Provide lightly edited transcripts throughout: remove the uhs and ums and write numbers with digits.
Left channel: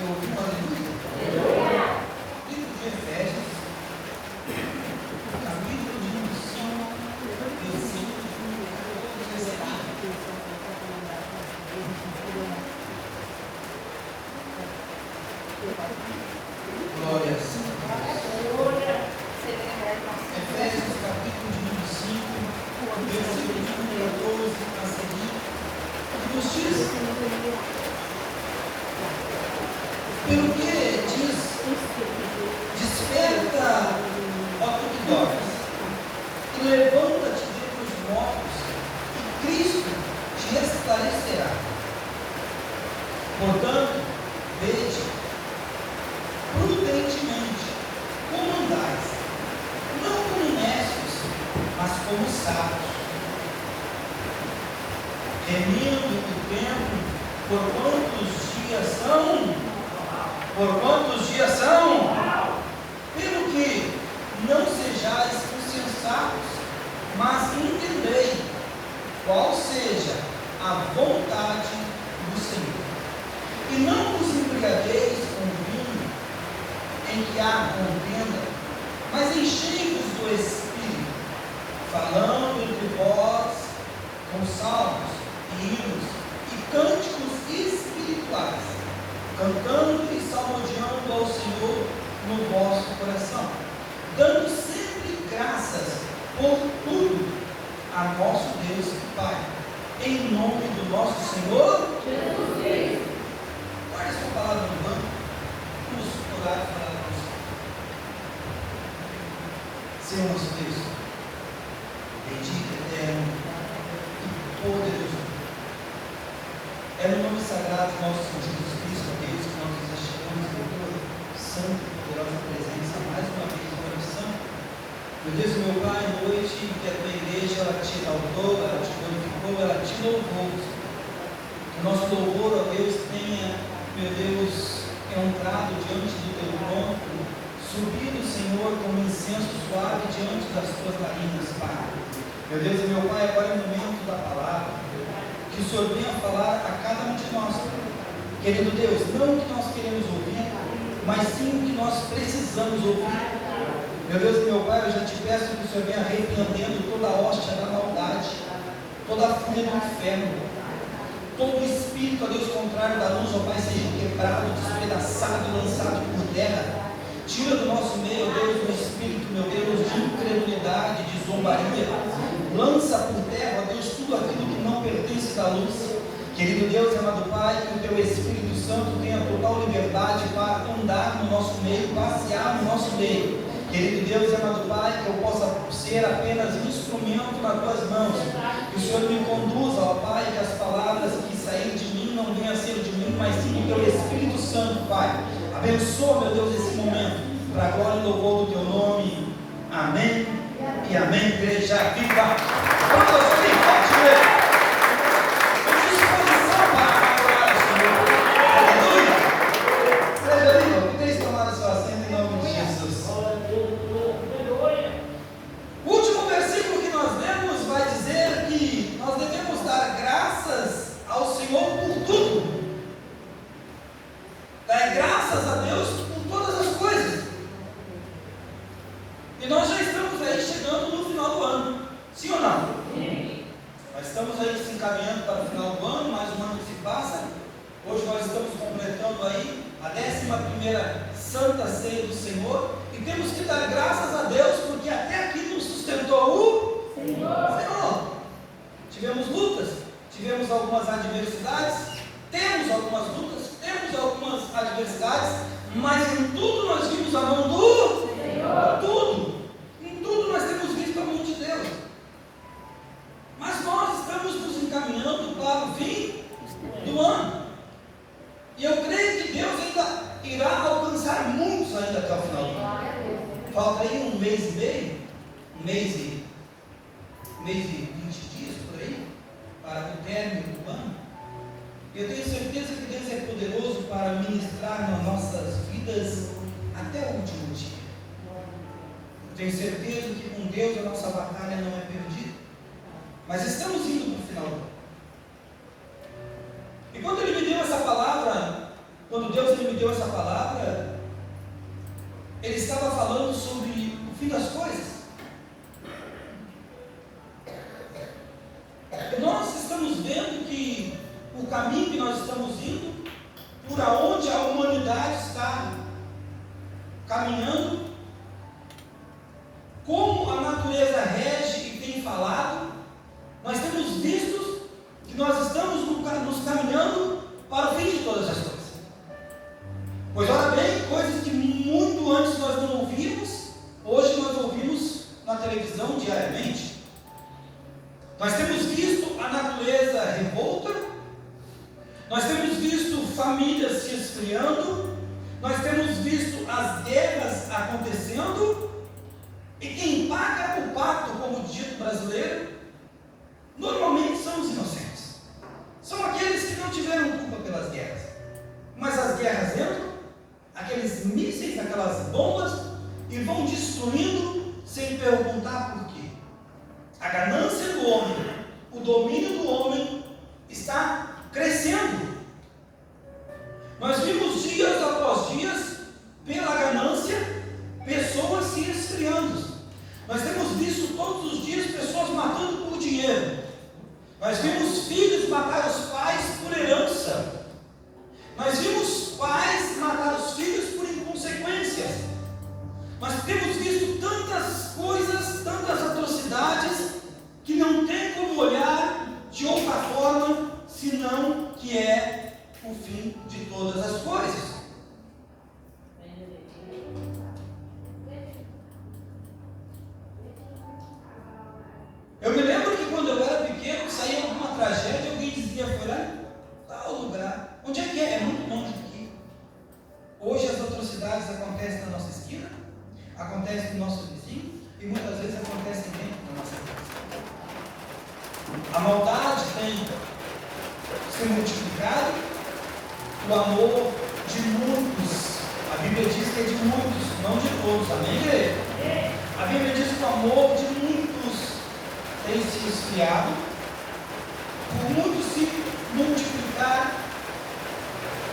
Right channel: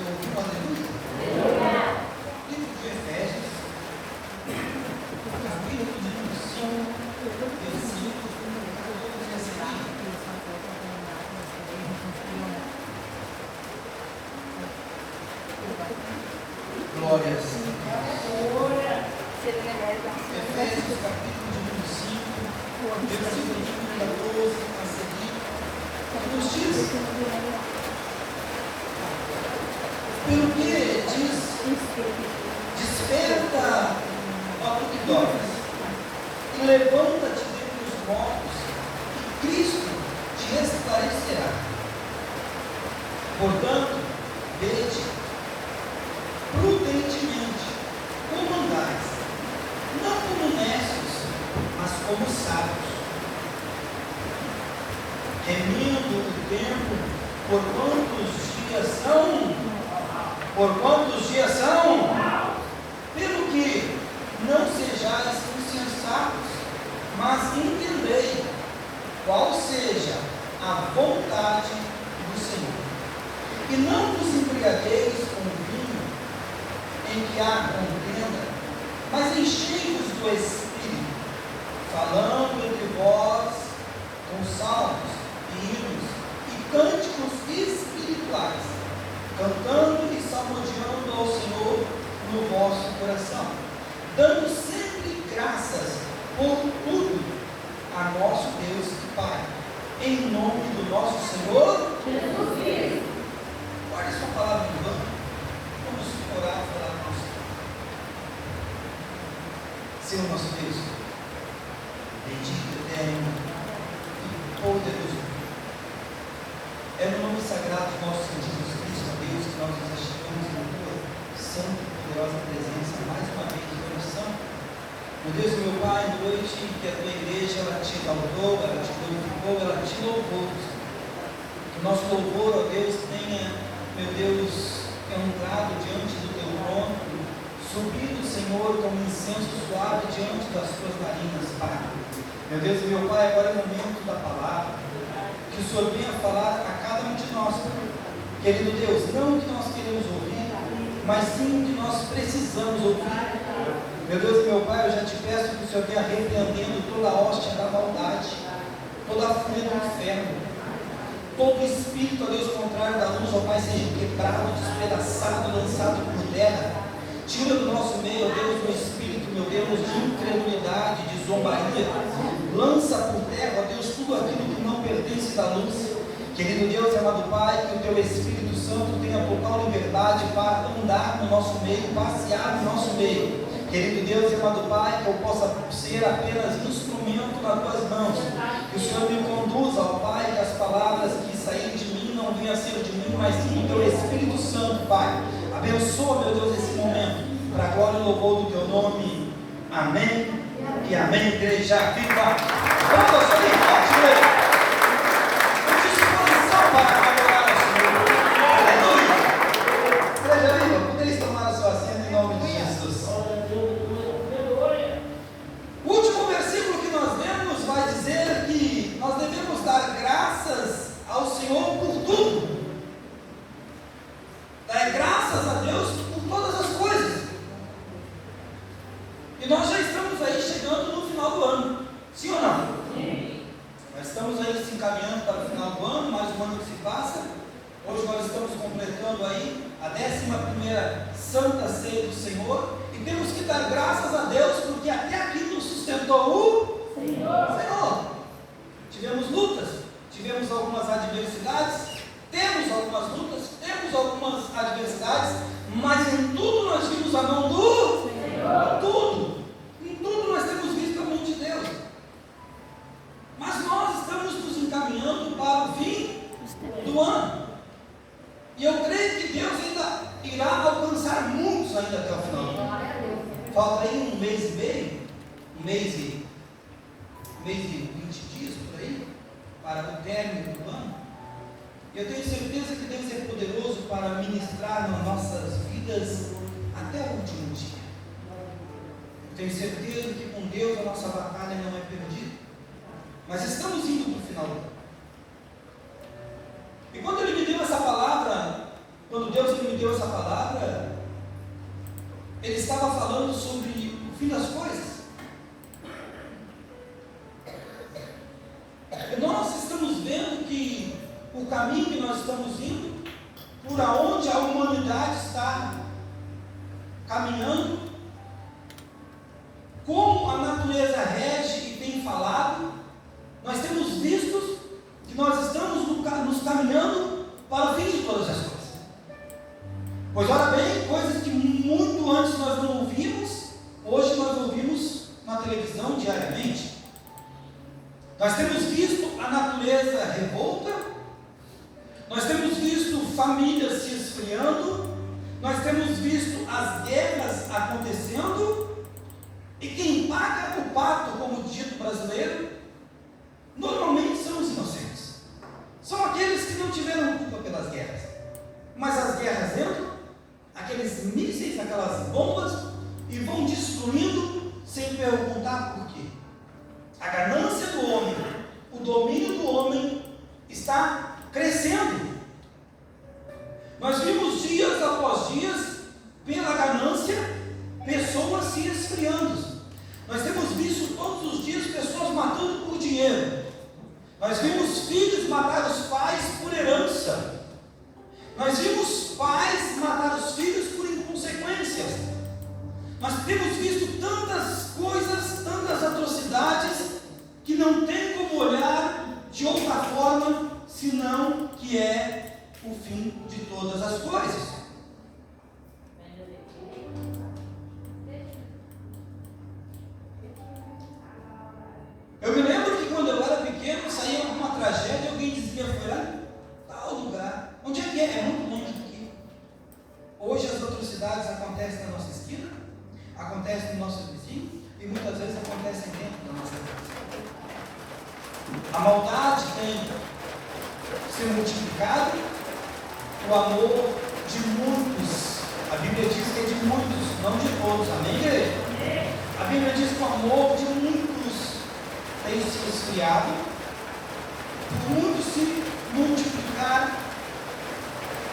Eu ouvi uma aleluia. Livro de Efésios, capítulo de número 5, versículo 17. Glória a Deus. Efésios, capítulo de número 5, versículo de número 12 a seguir. Nos diz: pelo que diz, desperta, ó tu que dormes, e levanta-te dentre os mortos, e Cristo te esclarecerá. Portanto, vede prudentemente como andais, não como necios, mas como sábios, remindo o tempo, por quantos dias são? Pelo que não sejais insensatos, mas entendei qual seja a vontade do Senhor. E não vos embriagueis com vinho, em que há contenda, mas enchei-vos do Espírito, falando entre vós com salmos, hinos e cânticos espirituais, cantando e salmodiando ao Senhor no vosso coração, dando sempre graças por tudo a nosso Deus e Pai, em nome do nosso Senhor Jesus Cristo. Guarde sua palavra no banco. Vamos orar e falar com você. Senhor nosso Deus, bendito, eterno e poderoso, é no nome sagrado de nosso Senhor Jesus Cristo, a Deus, que nós nos achegamos na tua santa e poderosa presença mais uma vez no coração. Meu Deus e meu Pai, noite que a tua igreja ela te exaltou, ela te glorificou, ela te louvou. Que o nosso louvor, ó Deus, tenha, meu Deus, entrado diante do teu trono, subido, Senhor, como incenso suave diante das tuas narinas, Pai. Meu Deus e meu Pai, agora é o momento da palavra, que o Senhor venha falar a cada um de nós, querido Deus, não o que nós queremos ouvir, mas sim o que nós precisamos ouvir. Meu Deus e meu Pai, eu já te peço que o Senhor venha repreendendo toda a hóstia da maldade, toda a fúria do inferno, todo espírito, ó Deus, contrário da luz, ó Pai, seja quebrado, despedaçado, lançado por terra. Tira do nosso meio, ó Deus, o espírito, meu Deus, de incredulidade, de zombaria. Lança por terra, ó Deus, tudo aquilo que não pertence da luz. Querido Deus, amado Pai, que o teu Espírito Santo tenha total liberdade para andar no nosso meio, passear no nosso meio. Querido Deus, amado Pai, que eu possa ser apenas instrumento nas tuas mãos. Que o Senhor me conduza, ó Pai, que as palavras que saírem de mim não venham a ser de mim, mas sim do teu Espírito Santo, Pai. Abençoa, meu Deus, esse momento, para a glória e louvor do teu nome. Amém e amém, igreja viva. Vamos ao Senhor, forte, igreja. Tenho certeza que com Deus a nossa batalha não é perdida. Mas estamos indo para o final do ano. E quando Ele me deu essa palavra, quando Deus me deu essa palavra, ele estava falando sobre o fim das coisas. Nós estamos vendo que o caminho que nós estamos indo, por aonde a humanidade está caminhando, como a natureza rege e tem falado, nós temos visto que nós estamos nos caminhando para o fim de todas as coisas. Pois ora bem, coisas que muito antes nós não ouvíamos, hoje nós ouvimos na televisão diariamente. Nós temos visto a natureza revolta, nós temos visto famílias se esfriando, nós temos visto as guerras acontecendo, e quem paga o pato, como o dito brasileiro, normalmente são os inocentes. São aqueles que não tiveram culpa pelas guerras. Mas as guerras entram, aqueles mísseis, aquelas bombas, e vão destruindo sem perguntar por quê. A ganância do homem, o domínio do homem está crescendo. Nós vimos dias após dias, pela ganância, pessoas se esfriando. Nós temos visto todos os dias pessoas matando por dinheiro. Nós vimos filhos matar os pais por herança. Nós vimos pais matar os filhos por inconsequências. Nós temos visto tantas coisas, tantas atrocidades, que não tem como olhar de outra forma, senão que é o fim de todas as coisas. Eu me lembro que quando eu era pequeno, saía alguma tragédia, alguém dizia, foi lá em tal lugar. Onde é que é? É muito longe daqui. Hoje as atrocidades acontecem na nossa esquina, acontecem no nosso vizinho, e muitas vezes acontecem dentro da nossa casa. A maldade tem se multiplicado, o amor de muitos, a Bíblia diz que é de muitos, não de todos, amém, igreja? A Bíblia diz que o amor de muitos tem se esfriado, por muitos se multiplicar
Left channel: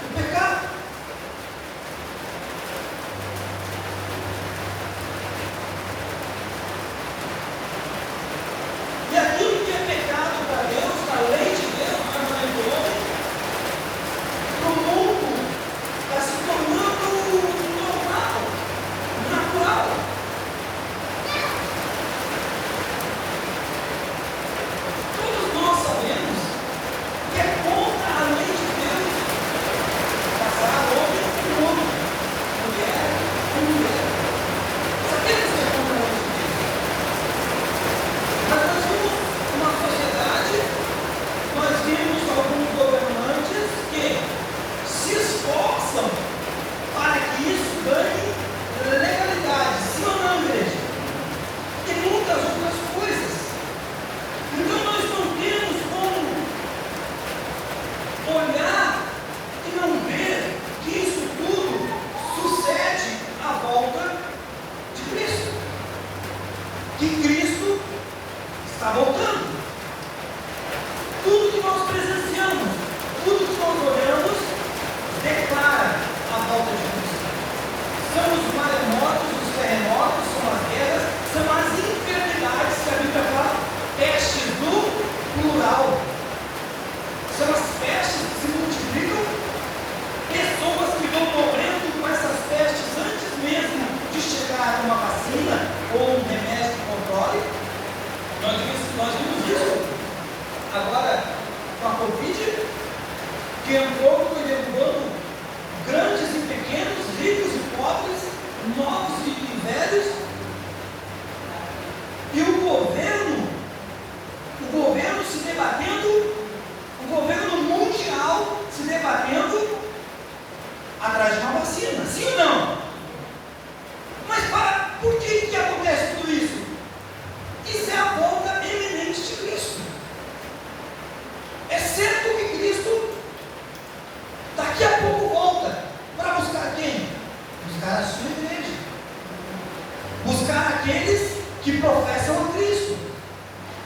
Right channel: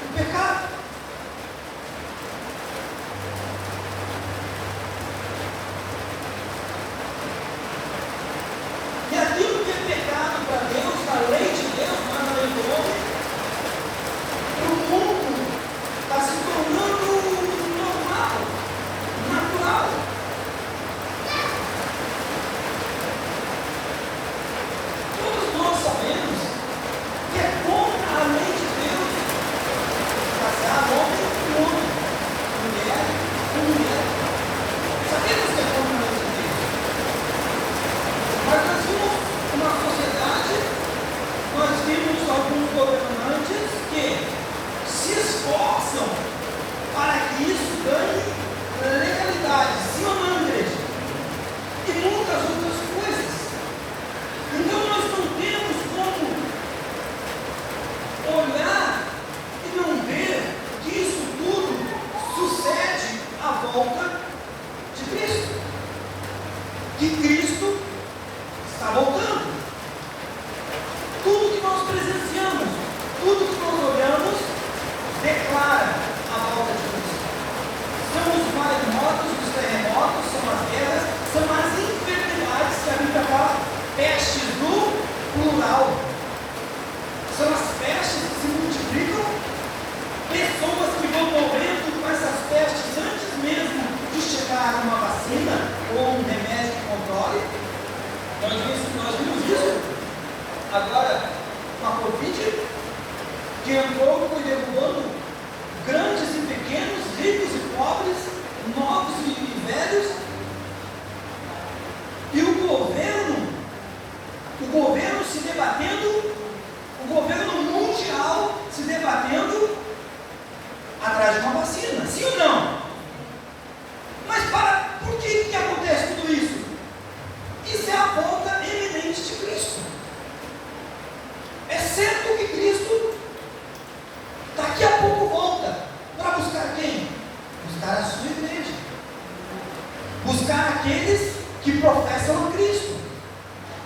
o pecado. E aquilo que é pecado para Deus, na lei de Deus, na lei do homem, para o mundo está se tornando normal, natural. Todos nós sabemos que é contra a lei de Deus casar homem com homem, mulher com mulher. Sabemos que é contra a lei de Deus. Mas nós vimos uma sociedade, nós vimos alguns governantes que se esforçam para que isso ganhe legalidade, sim ou não, igreja? E muitas outras coisas. Então nós não temos como olhar e não ver que isso tudo sucede à volta de Cristo. Que Cristo está voltando. Tudo que nós presenciamos, tudo que nós olhamos, declara a volta de Cristo. São os maremotos, os terremotos, são as guerras, são as enfermidades que a Bíblia fala, pestes do plural. São as pestes que se multiplicam, pessoas que vão morrendo com essas pestes antes mesmo de chegar uma vacina ou um remédio que controle. Nós vimos isso agora com a Covid, que entrou e foi derrubando grandes e pequenos, ricos e pobres, novos e velhos, e o governo se debatendo, o governo mundial se debatendo atrás de uma vacina, sim ou não? Mas por que acontece tudo isso? Isso é a volta eminente de Cristo. É certo que Cristo daqui a pouco volta para buscar quem? Buscar a sua igreja. Buscar aqueles que professam a Cristo.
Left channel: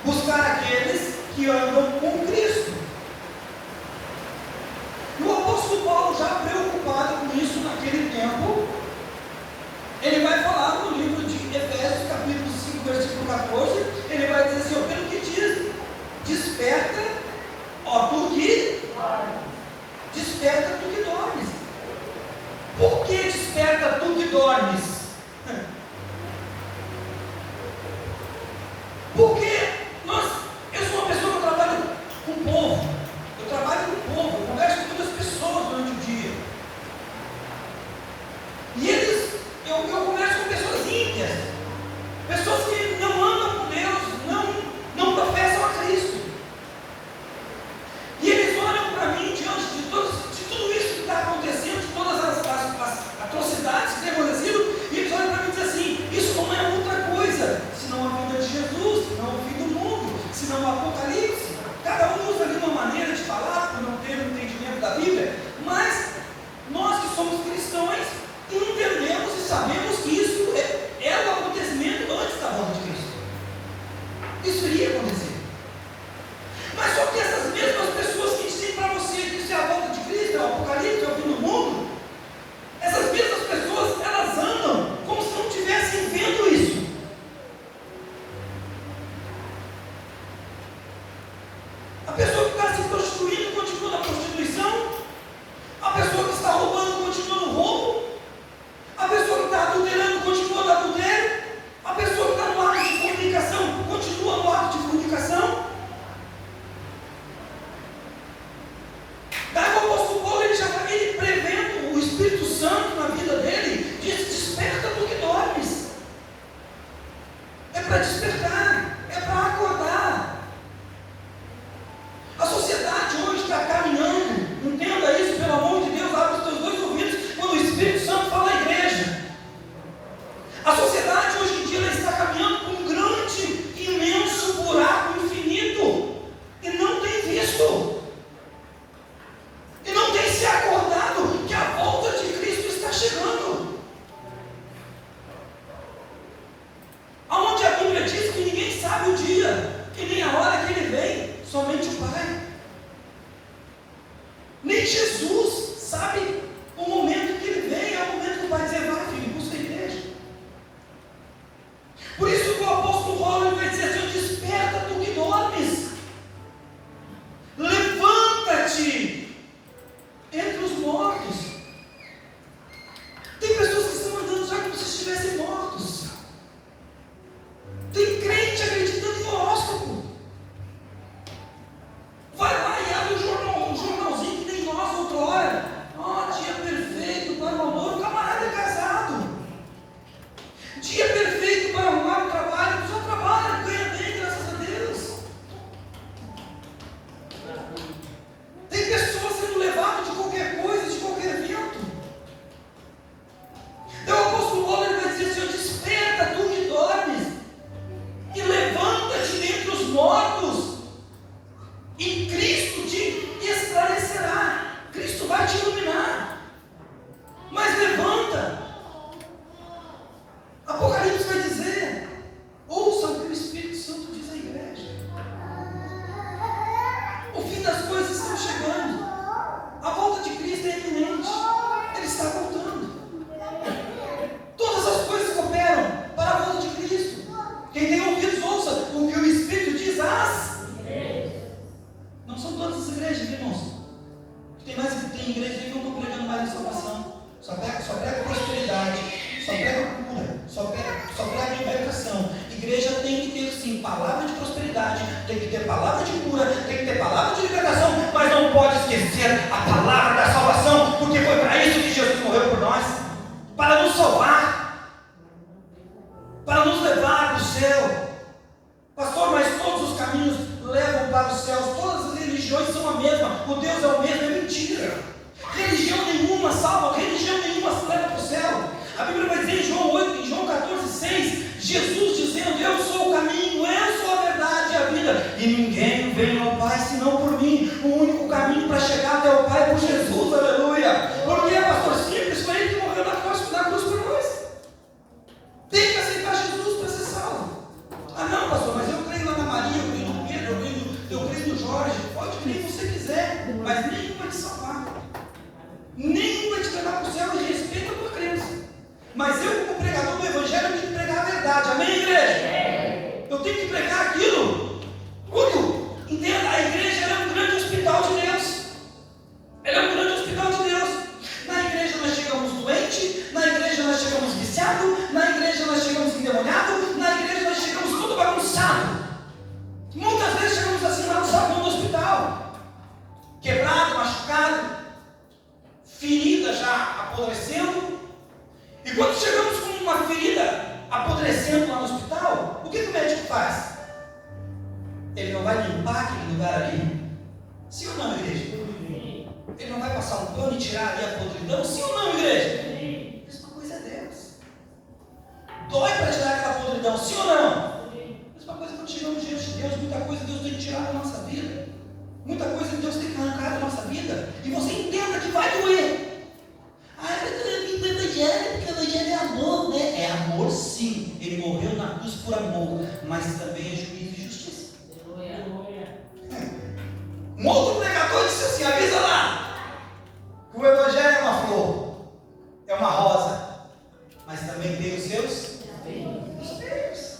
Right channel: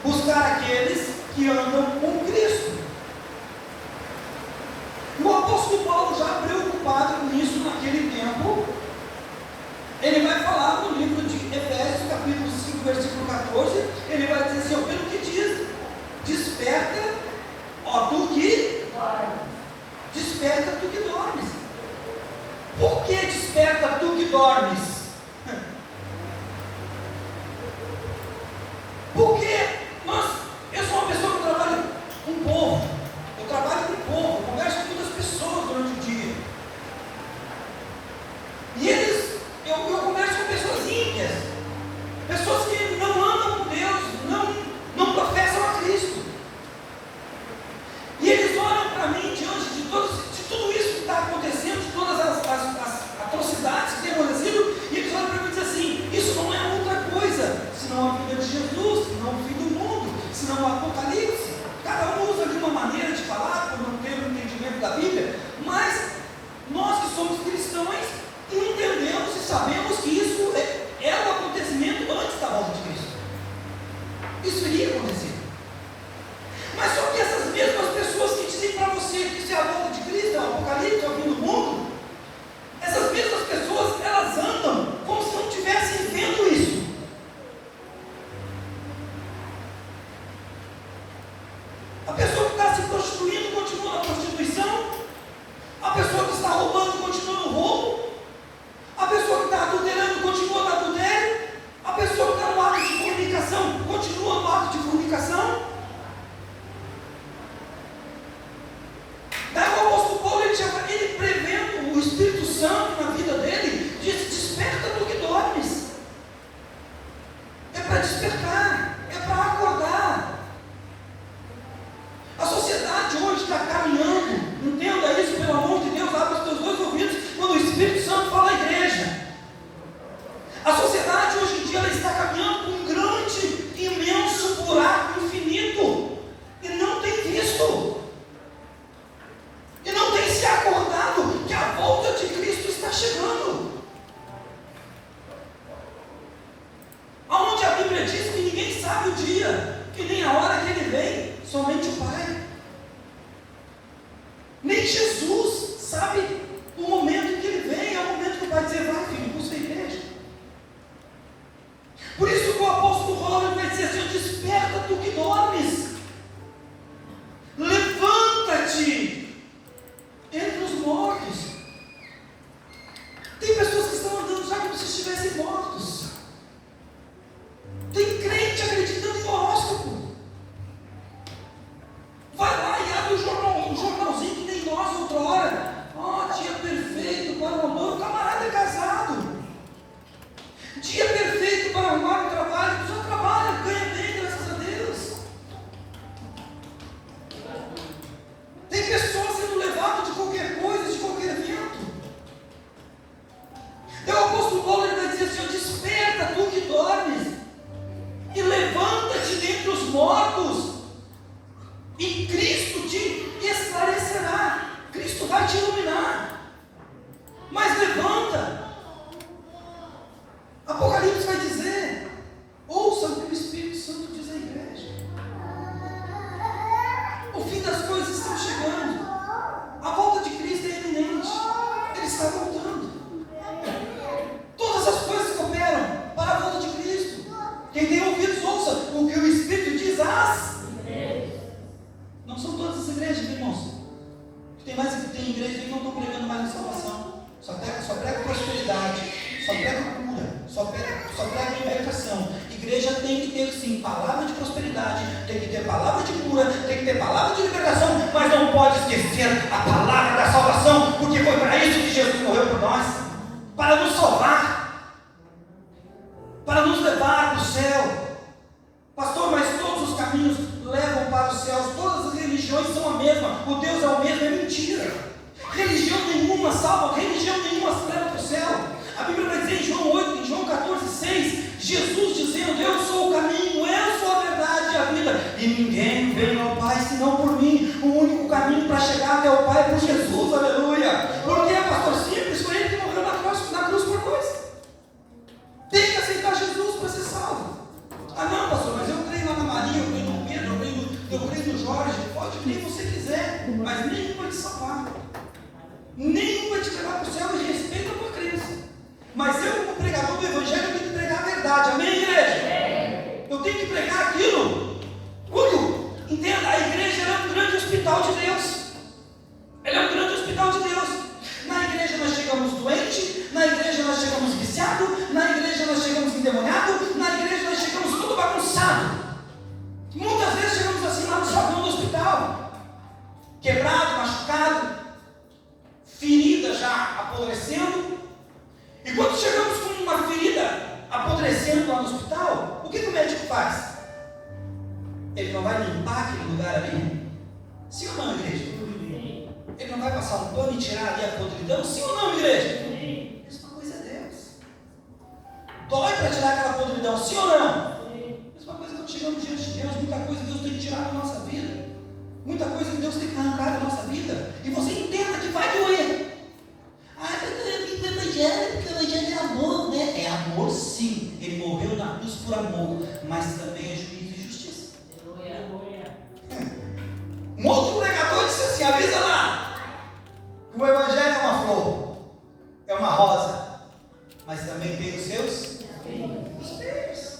Buscar aqueles que andam com Cristo. O apóstolo Paulo, já preocupado com isso, tempo, ele vai falar no livro de Efésios, capítulo 5, versículo 14, ele vai dizer assim, pelo que diz, desperta, tu que desperta, tu que dormes. Por que desperta, tu que dormes? Porque eu sou uma pessoa que trabalha com o povo, eu converso com muitas pessoas durante o dia, e eu converso com pessoas ímpias, pessoas que não amam com Deus, não professam a Cristo, e eles olham para mim diante de tudo isso que está acontecendo, de todas as atrocidades que têm acontecido, e eles olham para mim e dizem assim, isso não é outra coisa, senão a vida de Jesus, senão o fim do mundo, senão o Apocalipse. Cada um usa de uma maneira de falar, por não ter um entendimento da Bíblia, mas nós que somos cristãos, entendemos e sabemos que isso é o acontecimento antes da volta de Cristo. Isso iria acontecer. Mas só que essas mesmas pessoas que dizem para você que isso é a volta de Cristo, é o Apocalipse, é o fim do mundo, essas mesmas pessoas, elas andam como se não estivessem vendo isso. A pessoa que está se prostituindo continua na prostituição, a pessoa que está roubando continua no roubo, a pessoa que está adulterando continua no adultério, a pessoa que está no ato de fornicação continua no ato de fornicação. Daí o apóstolo Paulo, ele prevendo o Espírito Santo na vida dele, diz, desperta do que dormes. É para despertar, é para acordar. A sociedade hoje está caminhando, entenda isso, pelo amor de Deus, abre os teus dois ouvidos, quando o Espírito Santo fala na igreja. A sociedade hoje em dia ela está caminhando com um grande, imenso buraco infinito, e não tem visto, e não tem se acordado que a volta de Cristo está chegando. Aonde a Bíblia diz que ninguém sabe o dia, e nem a hora que ele vem, somente o Pai. Nem Jesus sabe o momento que ele vem, é o momento que o Pai dizer, vai filho, busca a igreja. Por isso que o apóstolo Paulo vai dizer assim, desperta tu que dormes, levanta-te entre os mortos. Tem pessoas que estão andando já como se estivessem mortos. Tem crente acreditando em horóscopo. Vai lá e abre um jornalzinho que tem nós outra hora. Dia perfeito para o amor. O camarada é casado. Dia perfeito para arrumar um trabalho. Só trabalha, ganha bem, graças a Deus. Tem pessoas sendo levadas de qualquer coisa, de qualquer evento. Então o apóstolo Paulo vai dizer assim, desperta tu que dormes, e levanta-te dentre os mortos, e Cristo te esclarecerá. Cristo vai te iluminar. Mas levanta. Apocalipse vai dizer, ouça o que o Espírito Santo diz à igreja. O fim das coisas está chegando. A volta de Cristo é iminente. Ele está voltando. Todas as coisas cooperam para a volta de Cristo. Quem tem ouvidos, ouça o que o Espírito diz às igrejas. Não são todas as igrejas, irmãos. Tem igrejas que não estão pregando mais na salvação. Só prega prosperidade, só prega cura, só prega libertação. Igreja tem que ter sim palavra de prosperidade, tem que ter palavra de cura, tem que ter palavra de libertação, mas não pode esquecer a palavra da salvação, porque foi para isso que Jesus morreu por nós, para nos salvar, para nos levar para o céu. Pastor, mas todos os caminhos levam para os céus, todas as religiões são a mesma, o Deus é o mesmo, é mentira. Religião nenhuma salva, religião nenhuma se leva para o céu. A Bíblia vai dizer em João 8, em João 14, 6, Jesus dizendo, eu sou o caminho, eu sou a verdade e a vida, e ninguém vem ao Pai senão por mim. O único caminho para chegar até o Pai é por Jesus, aleluia. Porque é pastor simples, foi ele que morreu na cruz por nós. Tem que aceitar Jesus para ser salvo. Ah não, pastor, mas eu creio lá na Maria, eu creio no Pedro, eu creio no Jorge. Pode crer se você quiser, mas nenhum vai te salvar, nenhum vai te levar para o céu. E respeita a tua apodrecendo. E quando chegamos com uma ferida apodrecendo lá no hospital, o que o médico faz? Ele não vai limpar aquele lugar ali? Sim ou não, igreja? Ele não vai passar um pano e tirar ali a podridão? Sim ou não, igreja? A mesma coisa é Deus. Dói para tirar aquela podridão, sim ou não? A mesma coisa quando chegamos diante de Deus. Muita coisa Deus tem que tirar da nossa vida. Muita coisa que Deus tem que arrancar da nossa vida. E você entenda que vai doer. Ah, eu vim para o Evangelho, porque o Evangelho é amor, né? É amor, sim. Ele morreu na cruz por amor, mas também é juízo e justiça. Um outro pregador disse assim: avisa lá, que o Evangelho é uma flor, é uma rosa, mas também tem os seus espelhos.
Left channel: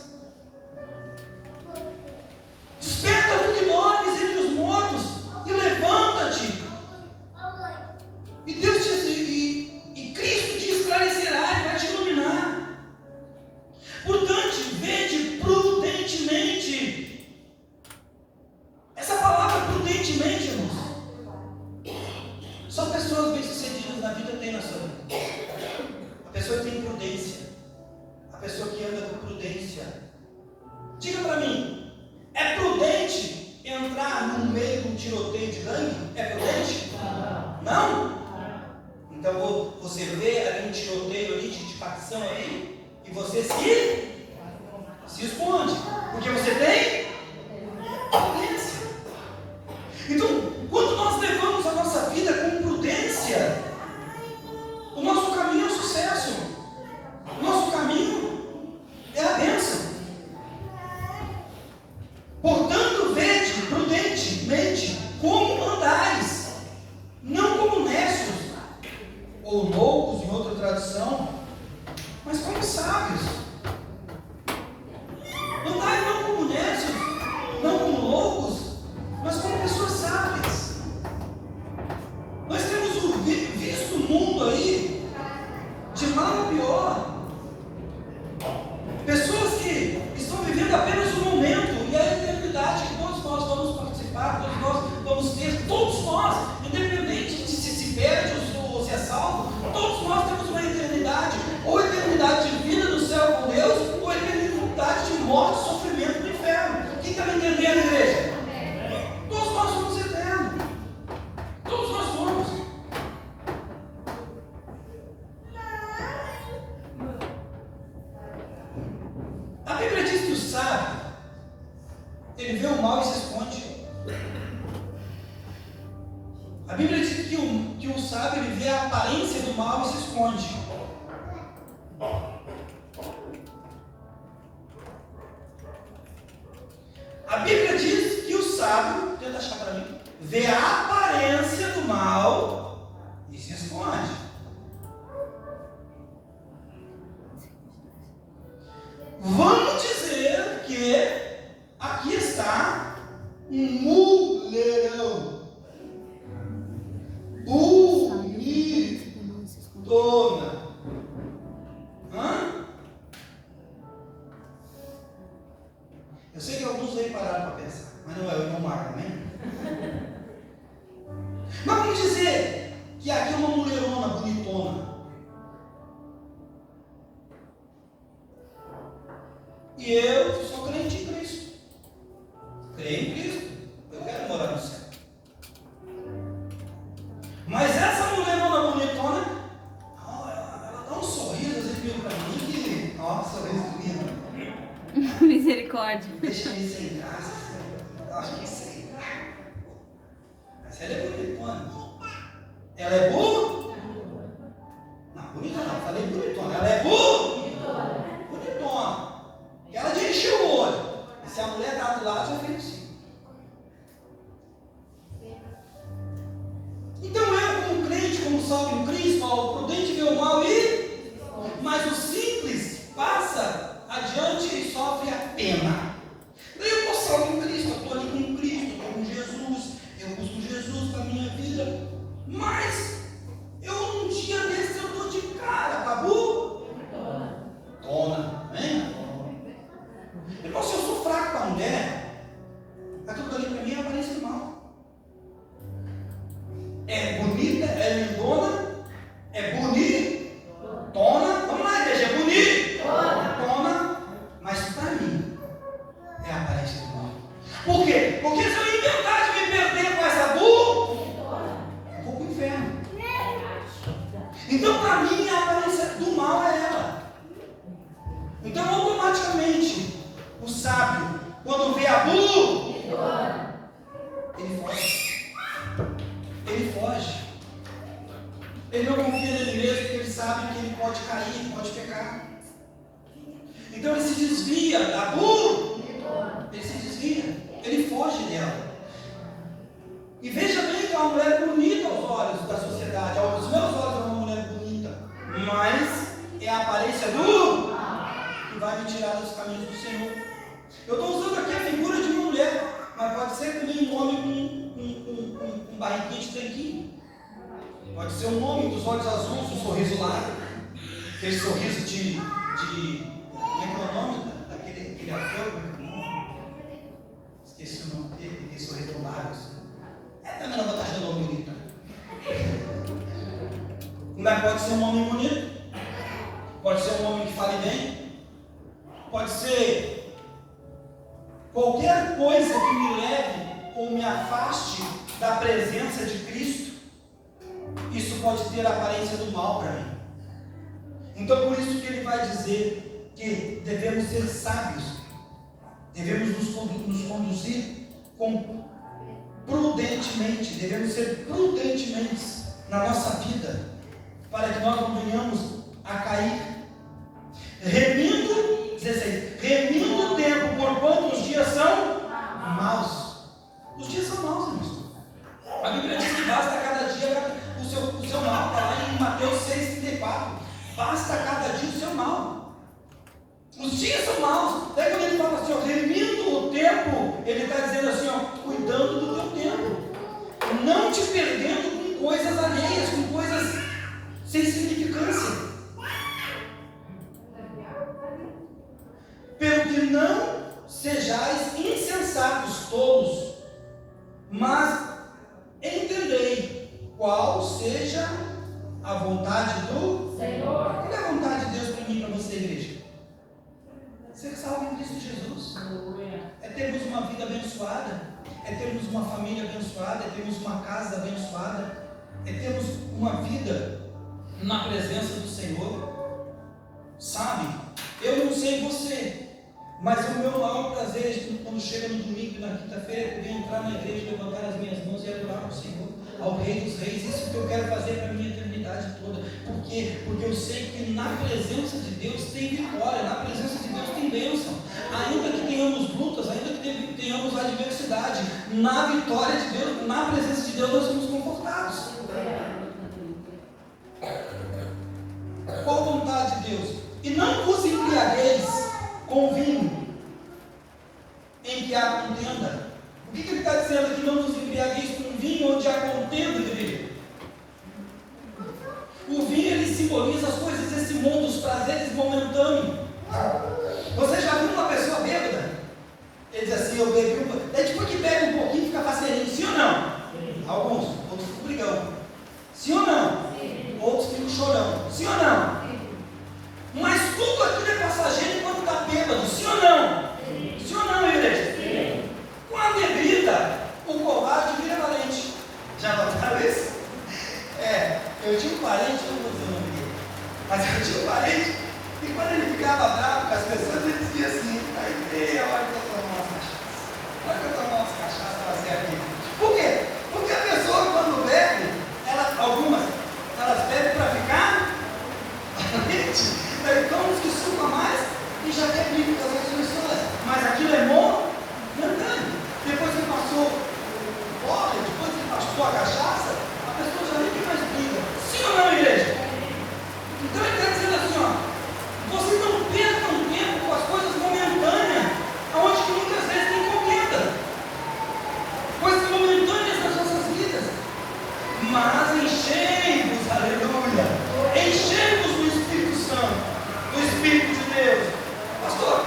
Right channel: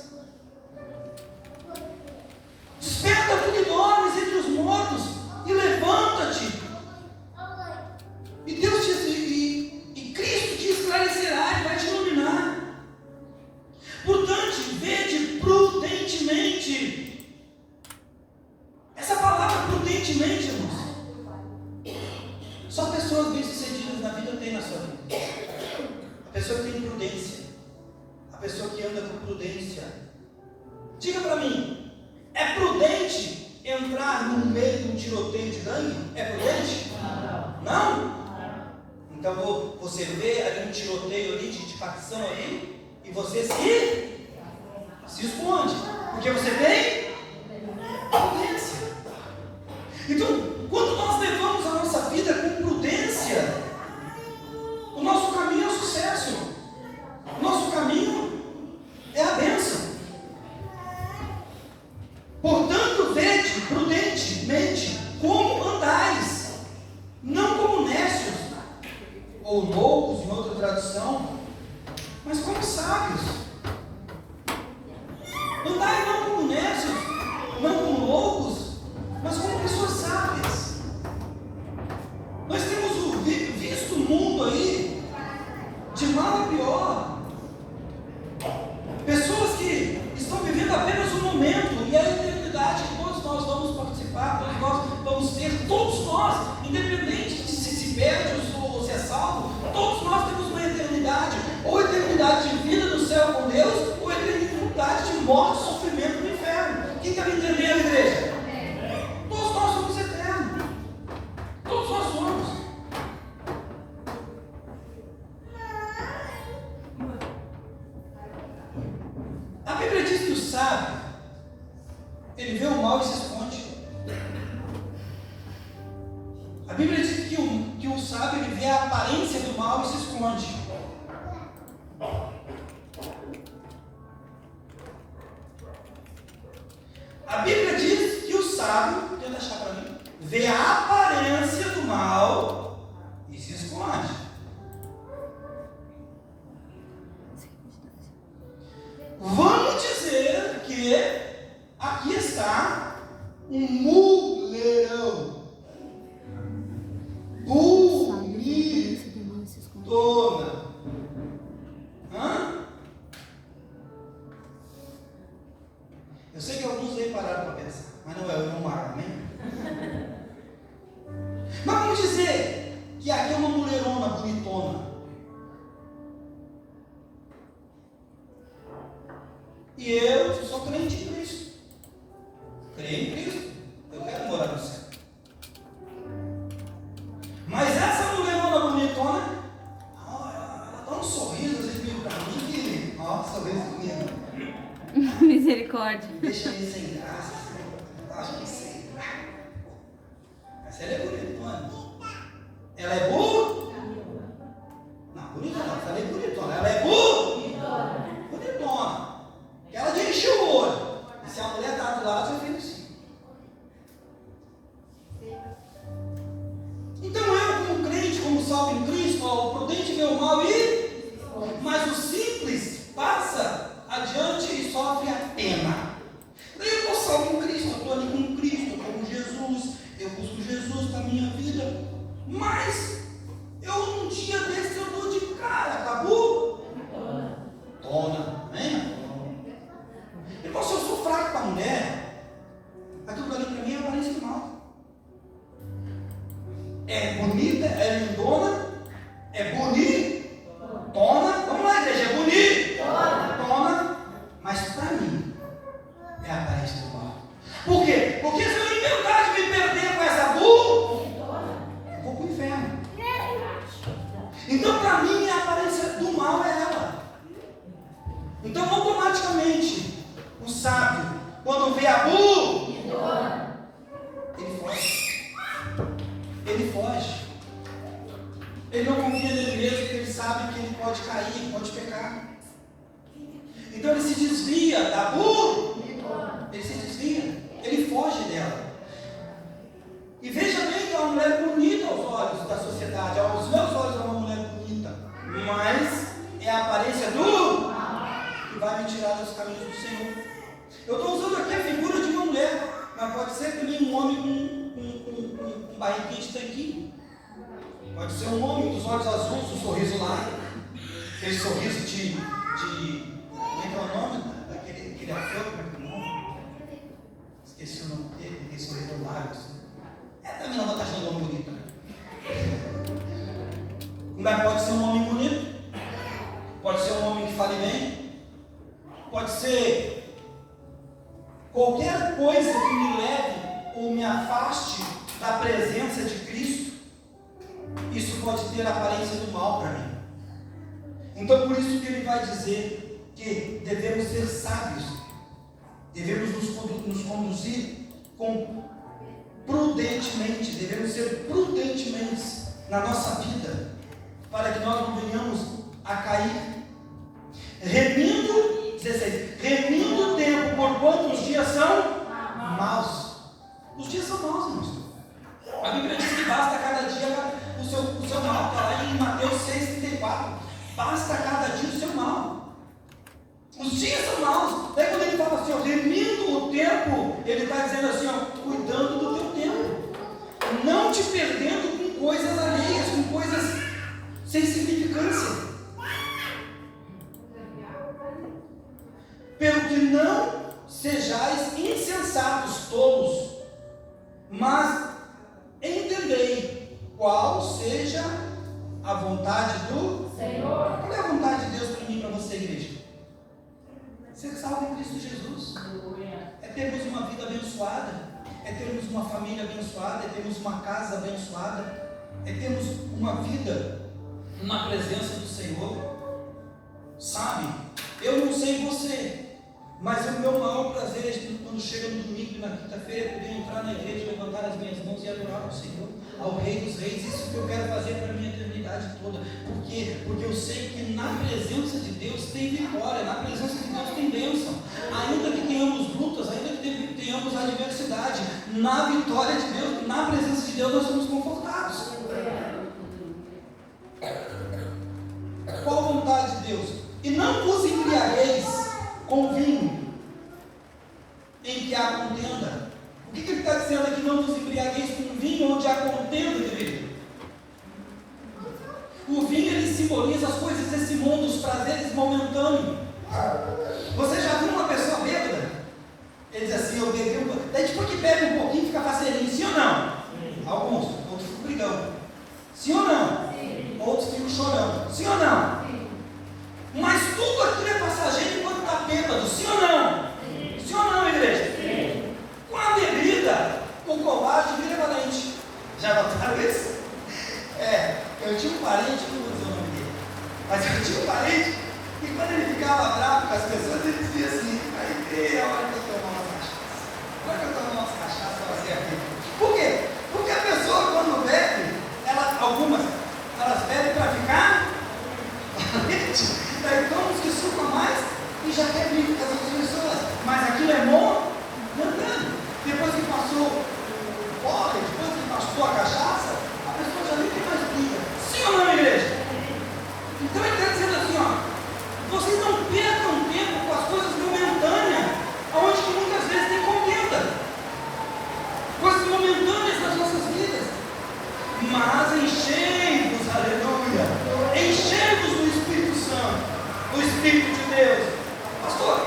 Desperta tu que dormes entre os mortos e levanta-te. E Deus e Cristo te esclarecerá e vai te iluminar. Portanto, vede prudentemente. Essa palavra prudentemente, irmãos, só pessoas bem-sucedidas na vida têm na sua vida. A pessoa que tem prudência, a pessoa que anda com prudência. Diga para mim, é prudente entrar no meio de um tiroteio de gangue? É prudente? Não? Então você vê ali um tiroteio ali, de facção ali, e você se esconde, porque você tem prudência. Então, quando nós levamos a nossa vida com prudência, o nosso caminho é o sucesso, o nosso caminho é a bênção. Portanto, vede prudentemente como andais, não como necios, ou loucos em outra tradução, mas como sábios. Andai não como necios, não como loucos, mas como pessoas sábias. Nós temos visto o mundo aí de mal a pior. Pessoas que estão vivendo apenas um momento e a eternidade que todos nós vamos participar, todos nós vamos ter, todos nós, independente de se perde ou se é salvo, todos nós temos uma eternidade, ou eternidade de vida no céu com Deus, ou eternidade de morte e sofrimento no inferno. Quem está me entendendo, igreja? Todos nós somos eternos. Todos nós somos. A Bíblia diz que o sábio, ele vê o mal e se esconde. A Bíblia diz que o sábio, ele vê a aparência do mal e se esconde. A Bíblia diz que o sábio, tenta achar para mim, vê a aparência do mal e se esconde. Vamos dizer que aqui está um mulherão. Bonitona. Eu sei que alguns aí pararam para pensar, mas não é o Neymar, né? Mas vamos dizer que aqui é uma mulherona bonitona. E eu sou crente em Cristo. Creio em Cristo. Eu quero morar no céu. Mas essa mulherona bonitona, ela dá um sorriso, às vezes vira para mim que, ó, sorriso lindo. Misericórdia. Deixa ele sem graça. Acho que sei. Mas ela é bonitona. Ela é boa? Não, bonitona não. Falei bonitona. Ela é boa? Bonitona. Ela de encher o olho. E se a mulher está do lado, eu felicito. Então eu, como crente, como salvo em Cristo, o prudente vê o mal e... Mas o simples passa adiante e sofre a pena. Daí eu estou salvo em Cristo, eu estou ali com Cristo, estou com Jesus, eu busco Jesus na minha vida. Mas eu um dia desse eu estou de cara, acabou? Tona, né? Irmão, se eu sou fraco para a mulher, aquilo ali para mim é aparência de mal. É bonita, é lindona, é bonita. Então, para mim, a aparência do mal é ela. Então, automaticamente, o sábio, quando vê a Bu, ele foge. Ele foge. Ele não confia nele mesmo, porque ele sabe que ele pode cair, pode pecar. Então, ele se desvia da Bu. Ele se desvia. Ele foge dela. E veja bem que é uma mulher bonita aos olhos da sociedade. Aos meus olhos é uma mulher bonita. Mas é a aparência do que vai me tirar dos caminhos do Senhor. Eu estou usando aqui a figura de uma mulher, mas pode ser também um homem com barriguinha de tanquinho. Pode ser um homem dos olhos azuis, um sorriso largo. Aquele sorriso de como é que é o nome daquele ator? Esqueci o nome dele, aquele sorriso largo. Também não vou estar achando um homem bonito. Mas pode ser um homem bonito. Pode ser um homem que fale bem. Pode ser qualquer coisa que me leve ou me afaste da presença de Cristo. Isso pode ter a aparência do mal para mim. Então, por isso que ele vai dizer que devemos ser sábios. Devemos nos conduzir prudentemente, devemos ser prudentemente na nossa vida, para que nós não venhamos a cair. Remindo, 16, remindo o tempo, porquanto os dias são maus. Os dias são maus, irmãos. A Bíblia diz que basta cada dia o seu mal, está lá em Mateus 6,34. Basta cada dia o seu mal. Os dias são maus. Daí quando ele fala assim, ó, remindo o tempo, ele está dizendo assim, ó, cuidando do teu tempo. Não te perdendo com coisas alheias, com coisas sem significância. Pelo que não sejais insensatos tolos, mas entendei qual seja a vontade do Senhor. Qual é a vontade de Deus para mim e para você, igreja? Ser salvo em Cristo Jesus. É termos uma vida abençoada. É termos uma família abençoada. É termos uma casa abençoada. É termos uma vida na presença do Senhor. Sabe? Eu não sei você, mas o meu maior prazer é quando chega no domingo e na quinta-feira poder entrar na igreja, levantar as minhas mãos e adorar ao Senhor, ao Rei dos Reis. Isso que eu quero fazer para a minha eternidade toda. Por quê? Porque eu sei que na presença de Deus tem vitória, na presença de Deus tem bênção. Ainda que tenhamos lutas, ainda que tenhamos adversidade, na vitória de Deus, na presença de Deus, nós somos confortados. Qual a vontade de Deus? E não vos embriagueis com vinho em que há contenda. O que ele está dizendo aqui? Não vos embriagueis com vinho onde há contenda, bebê. O vinho, ele simboliza as coisas desse mundo, os prazeres momentâneos. Você já viu uma pessoa bêbada? Ele diz assim, eu bebi um... Daí depois que bebe um pouquinho fica faceirinho, sim ou não? Sim. Alguns, outros ficam brigão. Sim ou não? Sim. Outros ficam chorando. Sim ou não? Sim. Mas tudo aquilo é passageiro quando está bêbado, sim ou não? Sim. Sim ou não, igreja? Sim. Com a bebida, o covarde vira valente. Já notaram isso? Eu tinha um parente, não vou dizer o nome dele, mas eu tinha um parente, e quando ele ficava bravo com as pessoas, ele dizia assim, aí, olha que eu tomo umas cachaças. Olha que eu tomo umas cachaças para fazer aqui. Por quê? Porque a pessoa, quando bebe, algumas, elas bebem para ficar valente. Daí toma uns que sucam mais e já quer briga com as outras pessoas. Mas aquilo é momentâneo. Depois que passou o porre, depois que passou a cachaça, a pessoa já nem tem mais briga. Sim ou não, igreja? Então ele está dizendo assim, ó, vocês não percam tempo com as coisas momentâneas, onde que muitas vezes tem contenda. Coisas momentâneas nas nossas vidas. Mas enchei-vos, aleluia, enchei-vos do Espírito Santo, do Espírito de Deus. Pastor,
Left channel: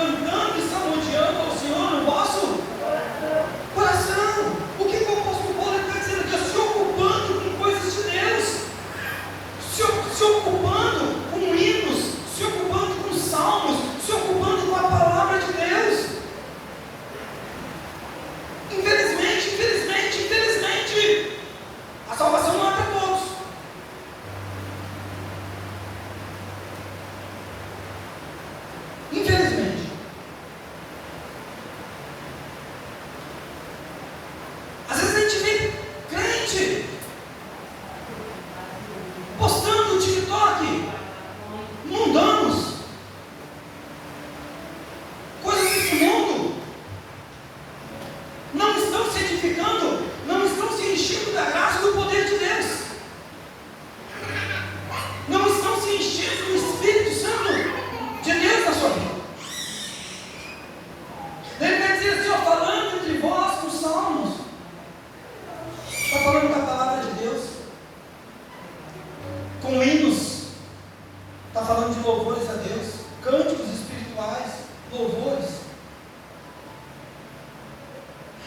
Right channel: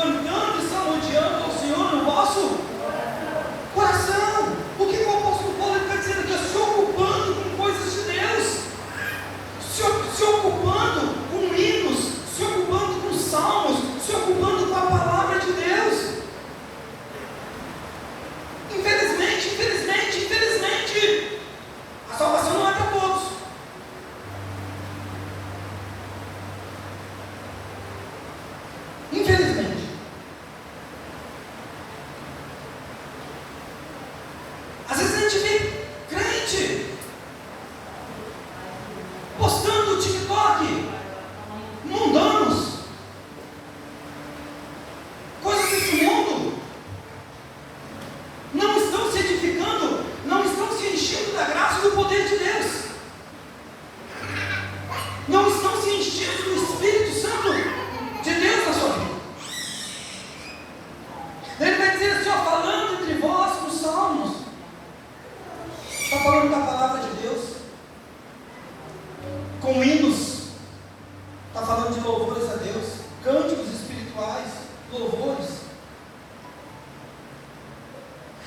cantando e salmodiando ao Senhor no vosso coração. O que o apóstolo Paulo está dizendo aqui? Se ocupando com coisas de Deus, se ocupando com hinos, se ocupando com salmos, se ocupando com a palavra de Deus. Infelizmente, a salvação não é para todos. Infelizmente. Às vezes a gente vê crente postando no TikTok mundanos, coisas desse mundo, não estão se edificando, não estão se enchendo da graça e do poder de Deus, não estão se enchendo do Espírito Santo de Deus na sua vida. Ele vai dizer assim, ó, falando entre vós com salmos, está falando da palavra de Deus, com hinos, está falando de louvores a Deus, cânticos espirituais, louvores.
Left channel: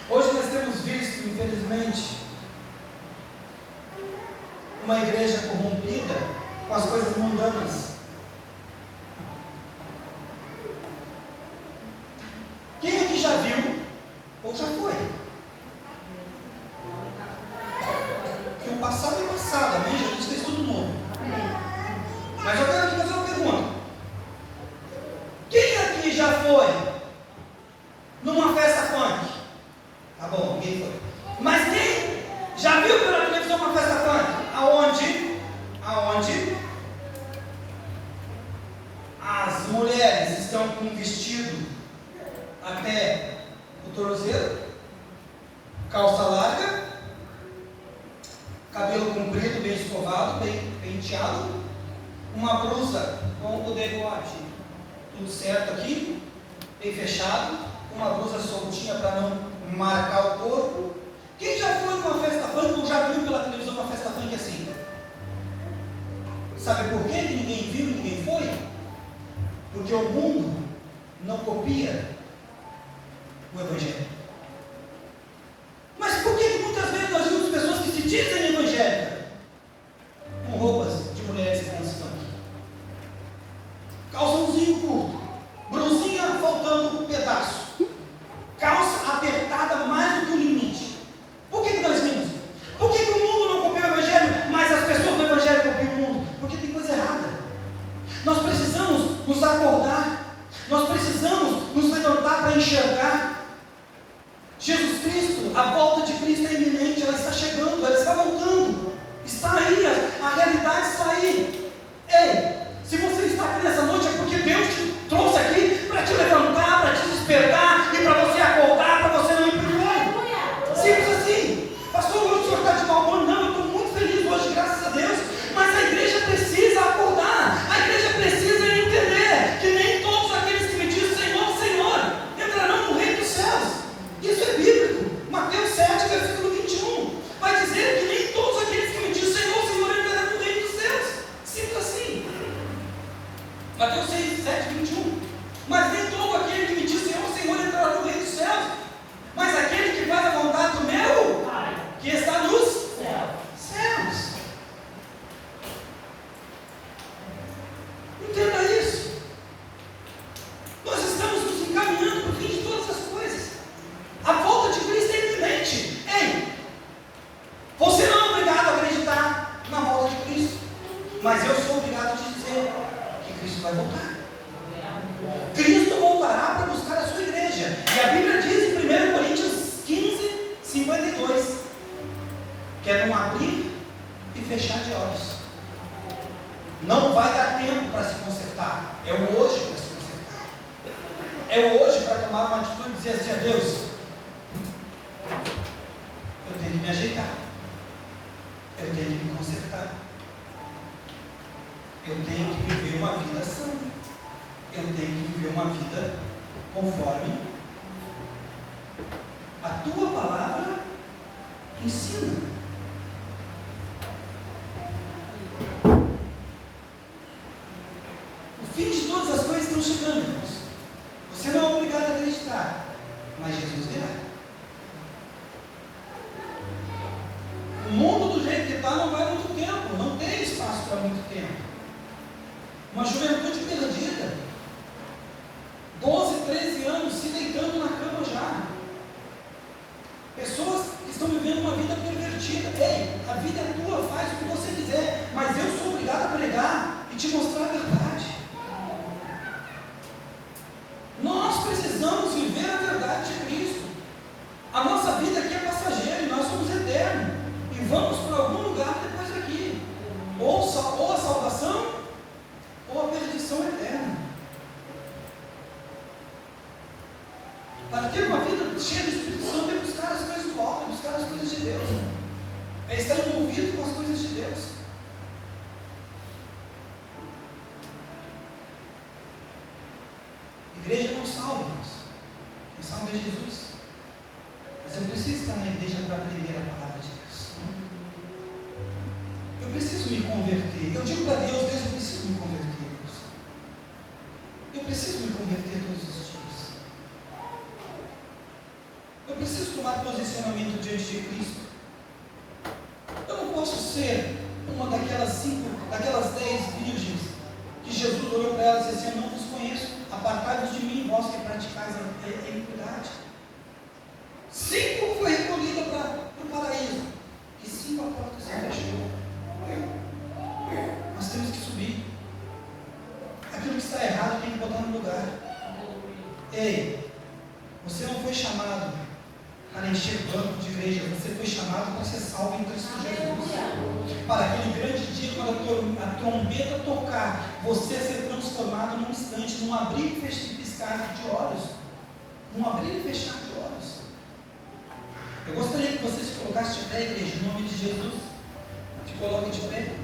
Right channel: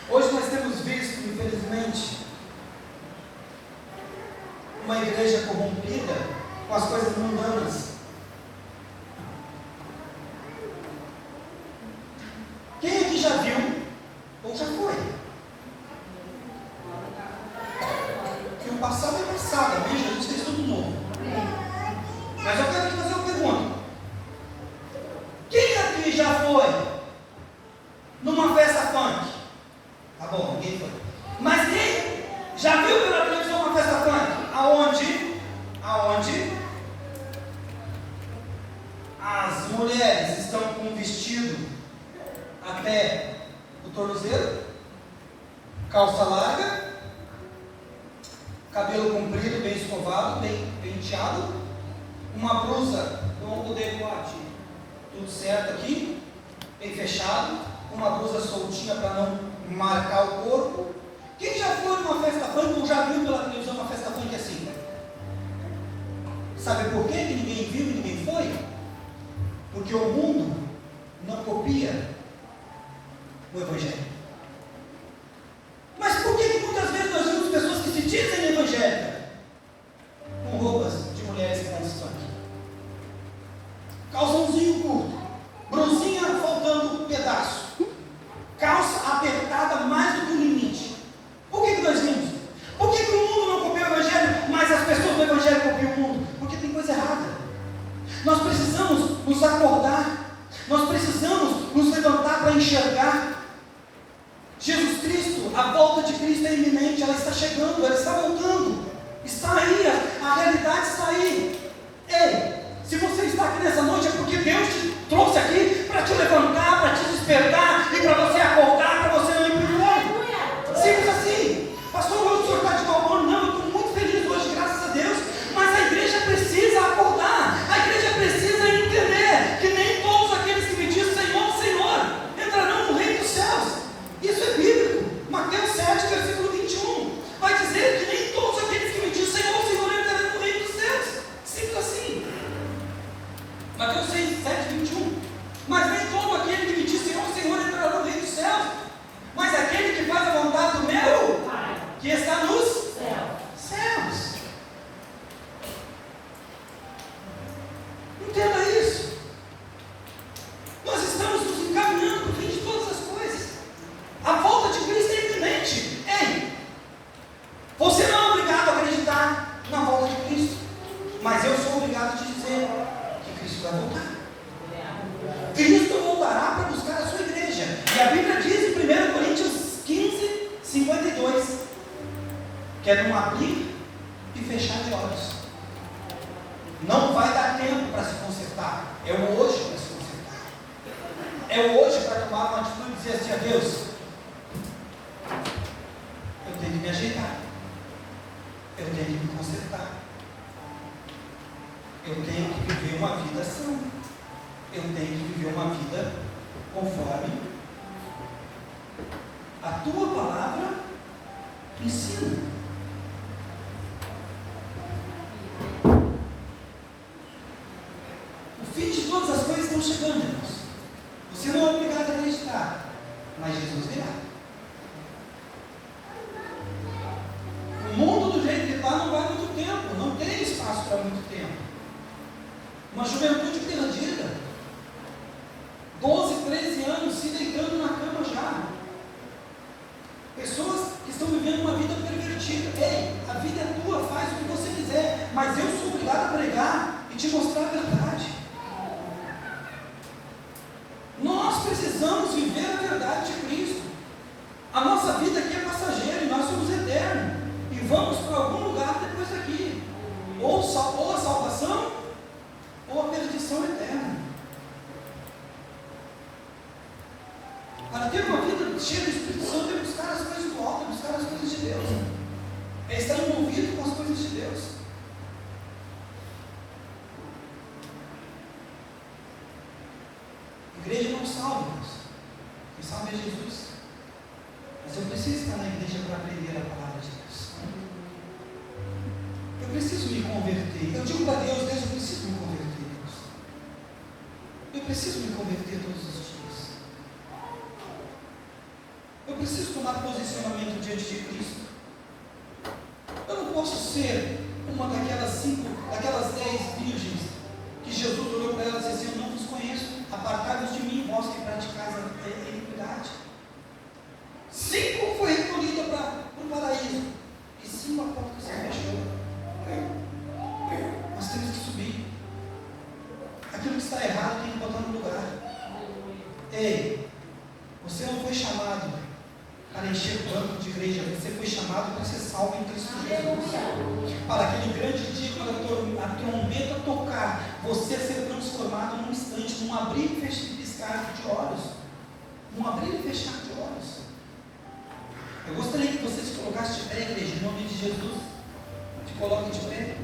Hoje nós temos visto, infelizmente, uma igreja corrompida com as coisas mundanas. Quem aqui já viu ou já foi? Que o passado é passado, amém? Jesus fez tudo novo. Mas eu quero te fazer uma pergunta. Quem aqui já foi numa festa funk? Tá bom, ninguém foi. Mas quem já viu pela televisão uma festa funk? Aonde as mulheres estão com um vestido até o tornozelo, calça larga, cabelo comprido, bem escovado, bem penteado, uma blusa com o decote tudo certo aqui, bem fechado, uma blusa soltinha para não marcar o corpo. Quem já foi numa festa funk ou já viu pela televisão uma festa funk assim? Sabe por quê que ninguém viu, ninguém foi? Porque o mundo não copia o Evangelho. Mas por que muitas vezes nós vemos pessoas que se dizem evangélicas com roupas de mulheres nesse funk? Calçãozinho curto, brusinha faltando um pedaço, calça apertada mais do que o limite. Por que nós vimos? Por que o mundo não copia o Evangelho, mas as pessoas do Evangelho copiam o mundo? Porque tem coisa errada. Nós precisamos nos acordar, nós precisamos nos levantar para enxergar. Jesus Cristo, a volta de Cristo é iminente, ela está chegando, ela está voltando, está aí, a realidade está aí. Ei, se você está aqui nessa noite é porque Deus te trouxe aqui para te levantar, para te despertar e para você acordar, para você não ir para o inferno. Simples assim. Pastor, hoje o senhor está de mau humor? Não, eu estou muito feliz hoje, graças a Deus, mas a igreja precisa acordar, a igreja precisa entender que nem todos aqueles que me dizem Senhor, Senhor, entrarão no reino dos céus. Isso é bíblico. Mateus 7, versículo 21 vai dizer que nem todos aqueles que me dizem Senhor, Senhor, entrarão no reino dos céus. Simples assim. Mateus 6, 7, 21. Mas nem todo aquele que me diz Senhor, Senhor, entrará no reino dos céus, mas aquele que faz a vontade do meu Pai, que está nos céus. Entenda isso. Nós estamos nos encaminhando para o fim de todas as coisas. A volta de Cristo é iminente. Ei, você não é obrigado a acreditar na volta de Cristo, mas eu sou obrigado a te dizer que Cristo vai voltar. Cristo voltará para buscar a sua igreja. E a Bíblia diz em 1 Coríntios 15, 52, que é num abrir e fechar de olhos. Não vai dar tempo para se consertar. É o hoje para se consertar. É o hoje para tomar uma atitude e dizer assim a Deus: eu tenho que me ajeitar. Eu tenho que me consertar. Eu tenho que viver uma vida sã. Eu tenho que viver uma vida conforme a tua palavra ensina. O fim de todas as coisas estão chegando, irmãos. Você muito tempo. Uma juventude perdida. 12, 13 anos se deitando na cama já. Pessoas que estão vivendo uma vida pervertida. Ei, a vida é tua, faz o que você quiser, mas eu sou obrigado a pregar e te mostrar a verdade. Nós precisamos viver a verdade de Cristo. A nossa vida aqui é passageira e nós somos eternos. E vamos para algum lugar depois daqui. Ou a salvação, ou a perdição eterna. Para ter uma vida cheia do Espírito Santo, é buscar as coisas do alto, é buscar as coisas de Deus. É estar envolvido com as coisas de Deus. Igreja não salva, irmãos. Quem salva é Jesus. Mas eu preciso estar na igreja para aprender a palavra de Deus. Eu preciso me converter. Eu digo para Deus, Deus, eu preciso me converter. Deus. Eu preciso me converter todos os dias. Eu preciso tomar posicionamento diante de Cristo. Eu não posso ser uma daquelas 10 virgens que Jesus olhou para elas e disse assim: eu não vos conheço, apartai-vos de mim, vós que praticais a iniquidade. 5 foi recolhida para o paraíso e 5 a porta se fechou. Nós temos que subir. Aquilo que está errado tem que botar no lugar. Ei, você não foi chamado para encher o banco de igreja, você foi chamado para ser salvo em Cristo Jesus. Para aquele grande dia, quando a trombeta tocar, você ser transformado num instante, num abrir e piscar de olhos. Num abrir e fechar de olhos. Eu gostaria que você se colocasse de pé, igreja, em nome de Jesus. Se coloque de pé.